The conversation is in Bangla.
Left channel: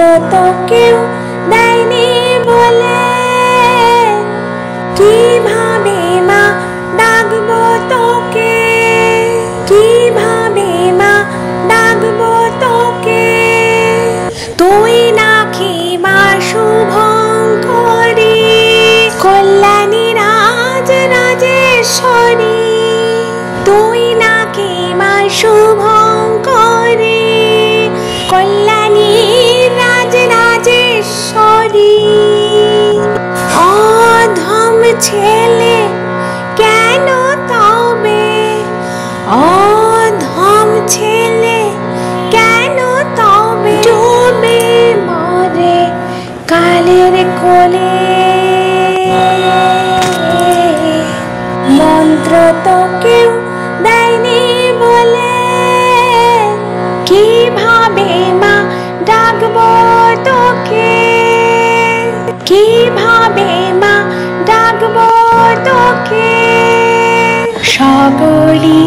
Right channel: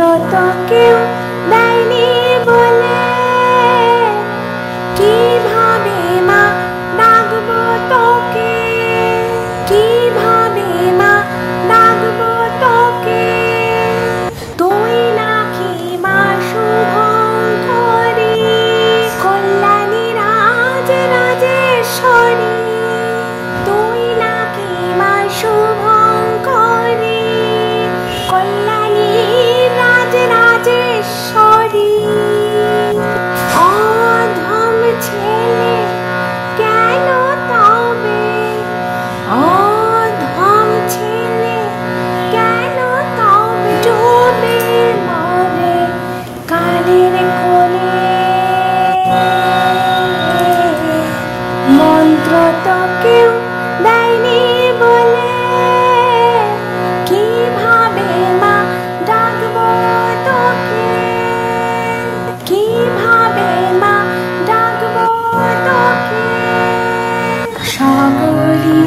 তো কেউ দেয়নি বলে কিভাবে মা ডাকবো তোকে, কিভাবে মা ডাকবো তোকে। তুই নাকি মা শুভঙ্করী, কল্যাণী রাজ রাজেশ্বরী। তুই নাকি মা শুভঙ্করী, কল্যাণী রাজ রাজেশ্বরী। অধম ছেলে কেন তবে, অধম ছেলে কেন তবে ডুবে মরে কালের কোলে। মন্ত্র তো কেউ দেয়নি বলে কিভাবে মা ডাকবো তোকে, কিভাবে মা ডাকবো তোকে। সকলি